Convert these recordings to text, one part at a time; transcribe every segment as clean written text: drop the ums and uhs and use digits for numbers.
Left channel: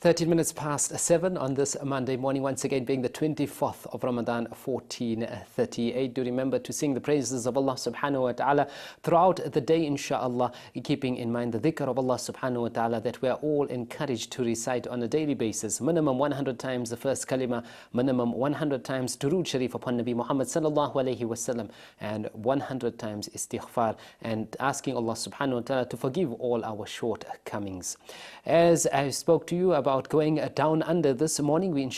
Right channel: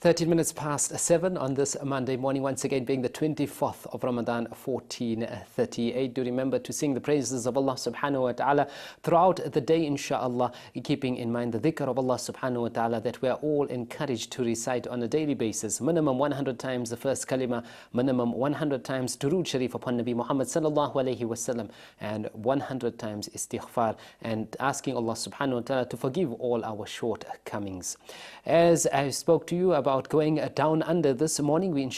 13 minutes past 7 on this Monday morning, once again being the 24th of Ramadan 1438. Do remember to sing the praises of Allah subhanahu wa ta'ala throughout the day, inshaAllah, keeping in mind the dhikr of Allah subhanahu wa ta'ala that we are all encouraged to recite on a daily basis. Minimum 100 times the first kalima, minimum 100 times Durood Sharif upon Nabi Muhammad sallallahu alayhi wasallam, and 100 times istighfar, and asking Allah subhanahu wa ta'ala to forgive all our shortcomings. As I spoke to you about going down under this morning, we're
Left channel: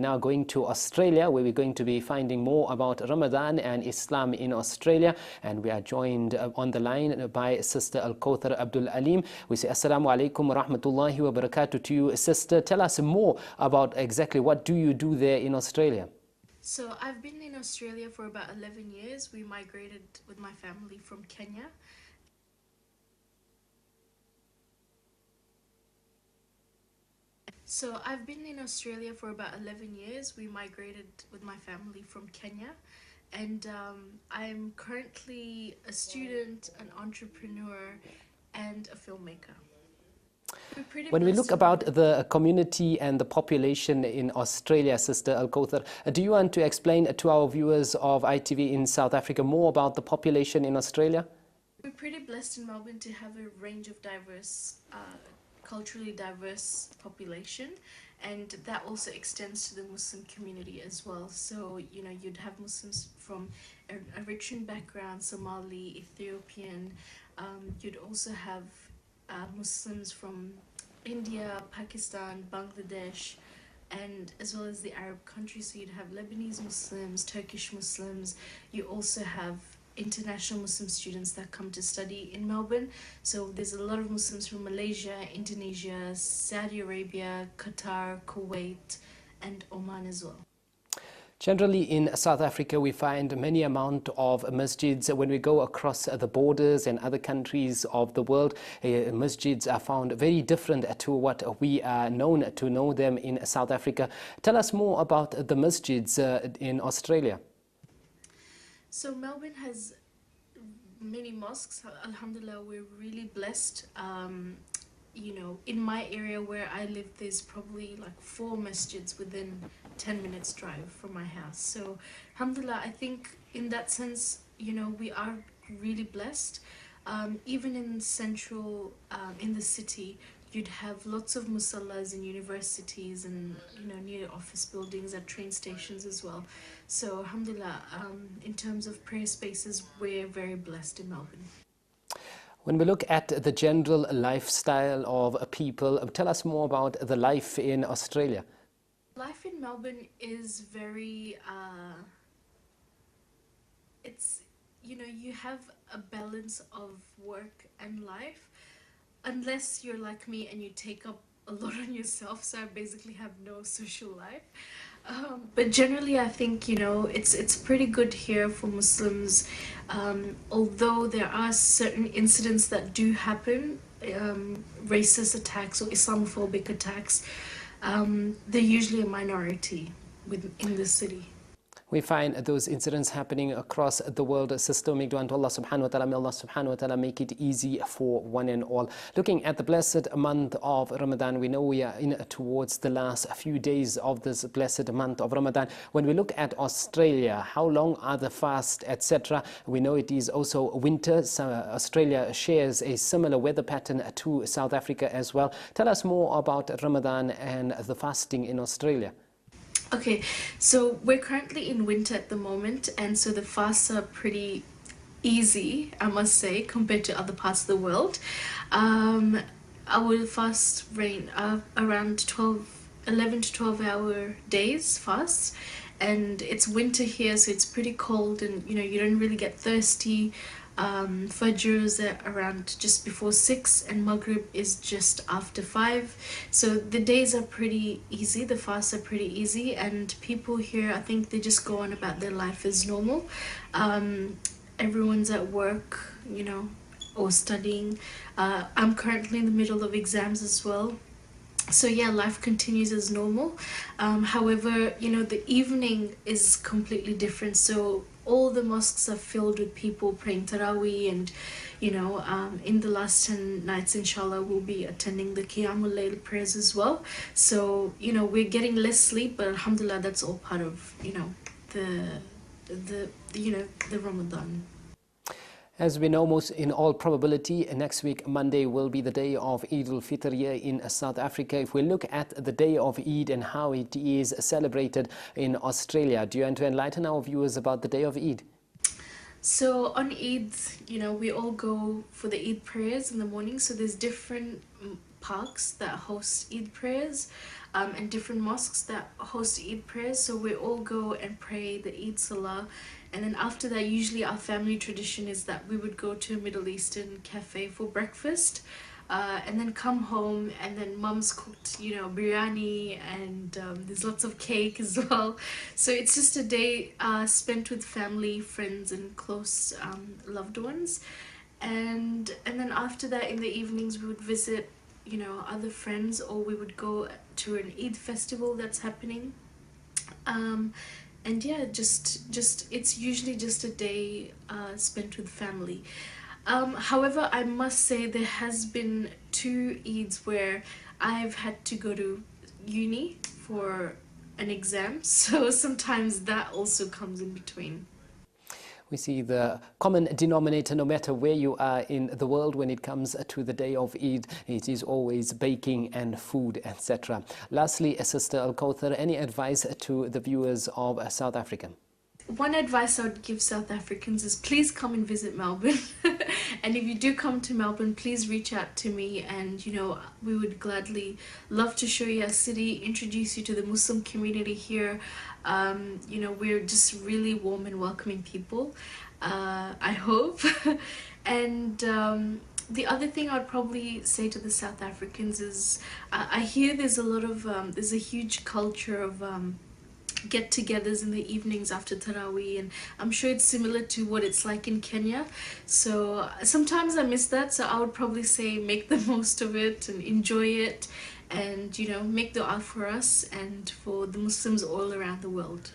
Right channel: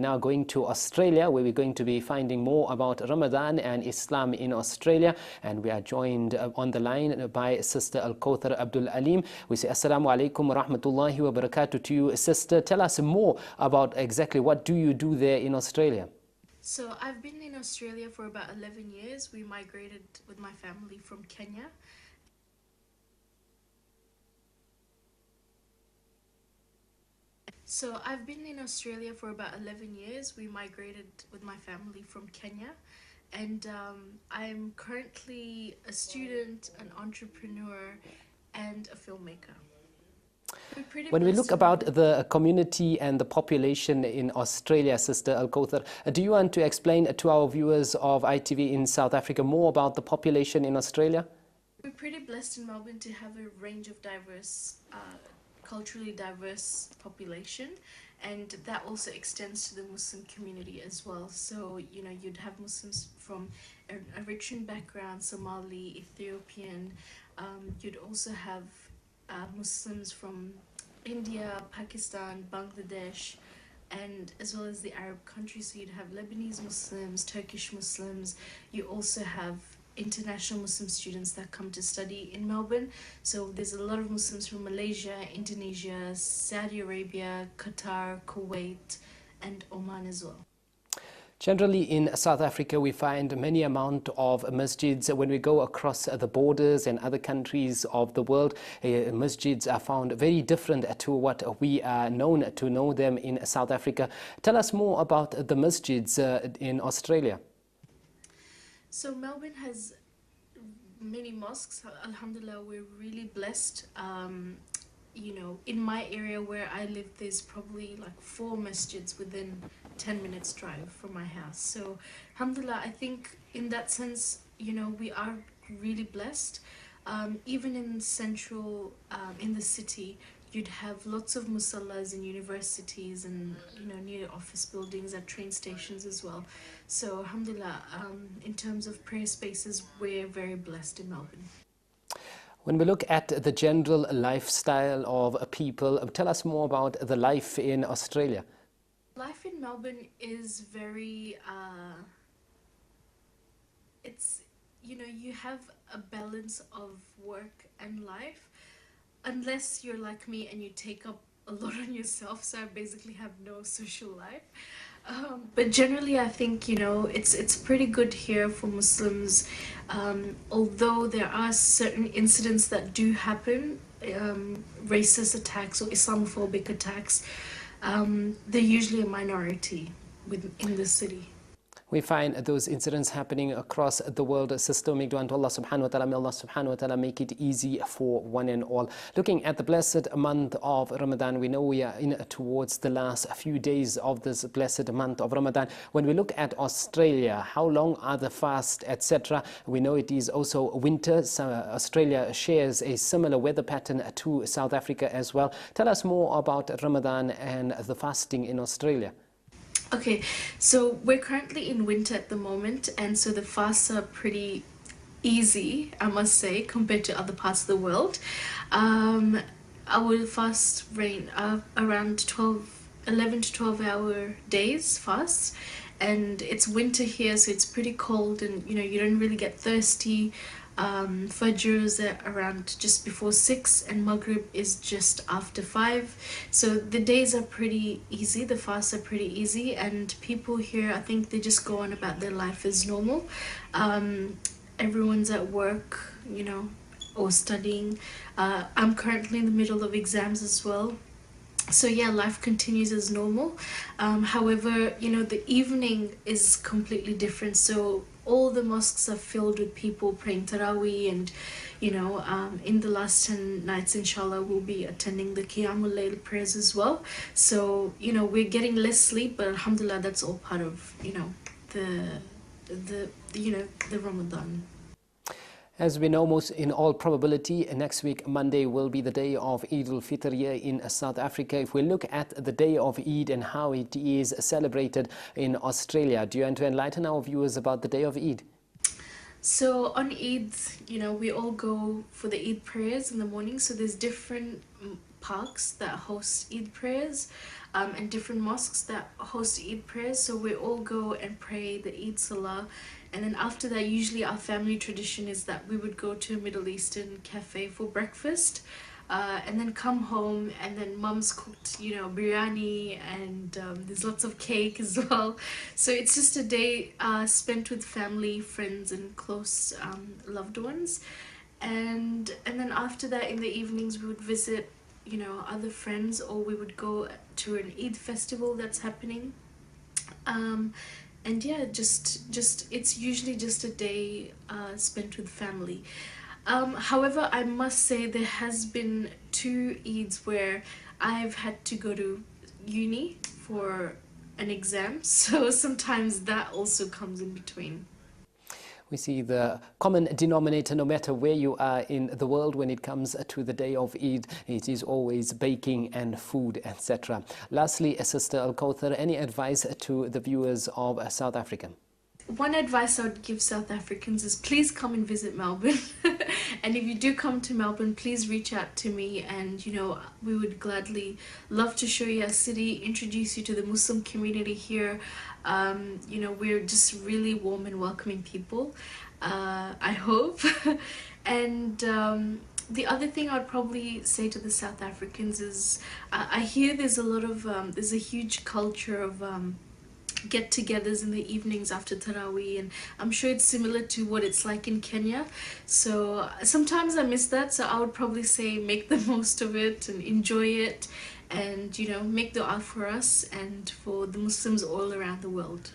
now going to Australia, where we're going to be finding more about Ramadan and Islam in Australia, and we are joined on the line by Sister Alkauthar Abdulalim. We say Assalamu alaikum wa rahmatullahi wa barakatuh to you, Sister. Tell us more about exactly what do you do there in Australia. So I've been in Australia for about 11 years. We migrated with my family from Kenya. So I've been in Australia for about 11 years. We migrated with my family from Kenya, and I'm currently a student, an entrepreneur, and a filmmaker. When we look about the community and the population in Australia, Sister Alkauthar, do you want to explain to our viewers of ITV in South Africa more about the population in Australia? We're pretty blessed in Melbourne to have a range of culturally diverse population, and that also extends to the Muslim community as well. So, you know, you'd have Muslims from Eritrean background, Somali, Ethiopian. You'd also have Muslims from India, Pakistan, Bangladesh, and as well as the Arab countries. So you'd have Lebanese Muslims, Turkish Muslims. You also have international Muslim students that come to study in Melbourne. So there's a lot of Muslims from Malaysia, Indonesia, Saudi Arabia, Qatar, Kuwait, and Oman as well. Generally in South Africa, we find many amount of masjids. When we go across the borders and other countries of the world, masjids are found very different to what we are known to know them in South Africa. Tell us more about the masjids in Australia. So Melbourne has many mosques. Alhamdulillah, we're really blessed. You know, in my area where I live, there's probably like 4 masjids within 10 minutes drive from my house. So alhamdulillah, I think in that sense, you know, we are really blessed. Even in central, in the city, you'd have lots of musallas in universities and, you know, near office buildings, at train stations as well. So alhamdulillah, in terms of prayer spaces, we're very blessed in Melbourne. When we look at the general lifestyle of people, tell us more about the life in Australia. Life in Melbourne is very, it's, you know, you have a balance of work and life. Unless you're like me and you take up a lot on yourself, so I basically have no social life. But generally, I think, you know, it's pretty good here for Muslims. Although there are certain incidents that do happen, racist attacks or Islamophobic attacks, they're usually a minority in the city. We find those incidents happening across the world. Sister, make dua to Allah subhanahu wa ta'ala. May Allah subhanahu wa ta'ala make it easy for one and all. Looking at the blessed month of Ramadan, we know we are in towards the last few days of this blessed month of Ramadan. When we look at Australia, how long are the fasts, etc.? We know it is also winter. So Australia shares a similar weather pattern to South Africa as well. Tell us more about Ramadan and the fasting in Australia. Okay, so we're currently in winter at the moment, and so the fasts are pretty easy, I must say, compared to other parts of the world. Our fast range around 11 to 12 hour days fast, and it's winter here, so it's pretty cold, and you know, you don't really get thirsty. Fajr is around just before 6 and Maghrib is just after 5. So the days are pretty easy, the fasts are pretty easy, and people here, I think they just go on about their life as normal. Everyone's at work, you know, or studying. I'm currently in the middle of exams as well. So yeah, life continues as normal. However, you know, the evening is completely different. So all the mosques are filled with people praying Taraweeh, and in the last 10 nights, inshallah, we'll be attending the Qiyamul Layl prayers as well. So, we're getting less sleep, but alhamdulillah, that's all part of, the Ramadan. As we know, most in all probability, next week, Monday, will be the day of Eid al-Fitr here in South Africa. If we look at the day of Eid and how it is celebrated in Australia, do you want to enlighten our viewers about the day of Eid? So on Eid, we all go for the Eid prayers in the morning. So there's different parks that host Eid prayers, and different mosques that host Eid prayers. So we all go and pray the Eid Salah. And then after that, usually our family tradition is that we would go to a Middle Eastern cafe for breakfast, and then come home, and then mum's cooked, biryani, and there's lots of cake as well. So it's just a day spent with family, friends, and close loved ones. And then after that, in the evenings, we would visit, other friends, or we would go to an Eid festival that's happening. And yeah, just it's usually just a day spent with family. However, I must say there has been 2 Eids where I've had to go to uni for an exam, so sometimes that also comes in between. We see the common denominator, no matter where you are in the world when it comes to the day of Eid, it is always baking and food, etc. Lastly, Sister Alkauthar, any advice to the viewers of South Africa? One advice I would give South Africans is please come and visit Melbourne. And if you do come to Melbourne, please reach out to me, and we would gladly love to show you our city, introduce you to the Muslim community here. We're just really warm and welcoming people, I hope. And the other thing I'd probably say to the South Africans is I hear there's a huge culture of get-togethers in the evenings after Taraweeh, and I'm sure it's similar to what it's like in Kenya. So sometimes I miss that, so I would probably say make the most of it and enjoy it, and make dua for us and for the Muslims all around the world.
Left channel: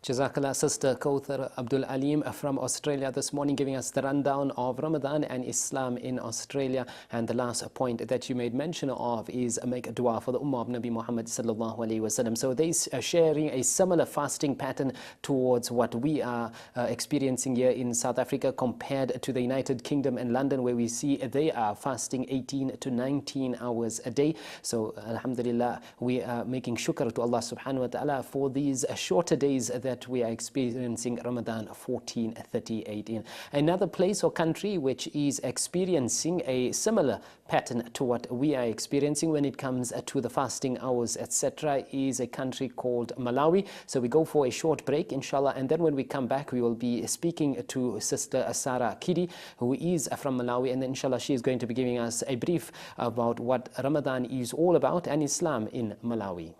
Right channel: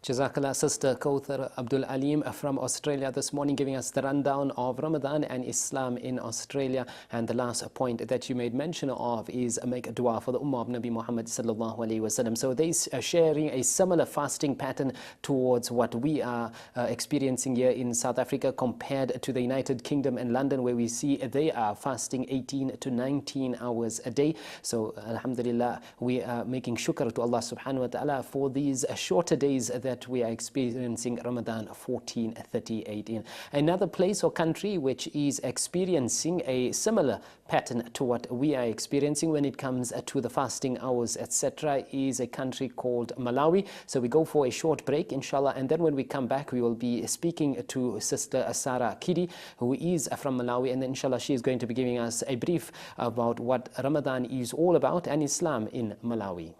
Jazakallah, Sister Alkauthar Abdulalim from Australia this morning, giving us the rundown of Ramadan and Islam in Australia. And the last point that you made mention of is make a dua for the Ummah of Nabi Muhammad sallallahu alaihi wasallam. So they are sharing a similar fasting pattern towards what we are experiencing here in South Africa, compared to the United Kingdom and London, where we see they are fasting 18 to 19 hours a day. So alhamdulillah, we are making shukr to Allah subhanahu wa ta'ala for these shorter days that we are experiencing Ramadan 1438 in. Another place or country which is experiencing a similar pattern to what we are experiencing when it comes to the fasting hours, etc., is a country called Malawi. So we go for a short break, inshallah, and then when we come back, we will be speaking to Sister Sarah Kidi, who is from Malawi, and then inshallah she is going to be giving us a brief about what Ramadan is all about and Islam in Malawi.